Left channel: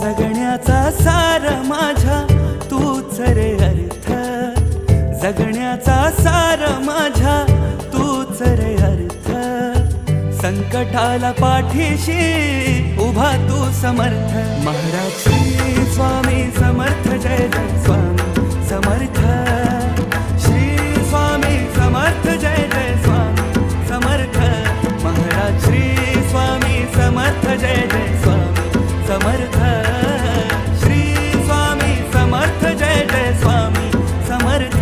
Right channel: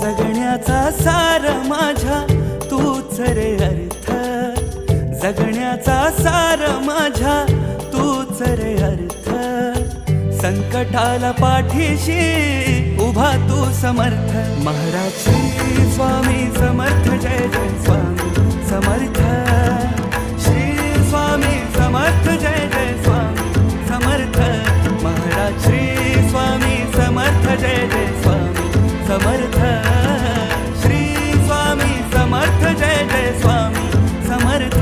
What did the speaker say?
जगण्याचा सार माझ्या तूच रे अर्थ, जगण्याचा सार माझ्या तूच रे अर्थ. संकटाला पाठीशी उभा तू समर्थ. महाराज श्री स्वामी समर्थ, जय जय स्वामी समर्थ. श्री स्वामी समर्थ, जय जय स्वामी समर्थ. महाराज श्री स्वामी समर्थ, जय जय स्वामी समर्थ. श्री स्वामी समर्थ, जय जय स्वामी समर्थ.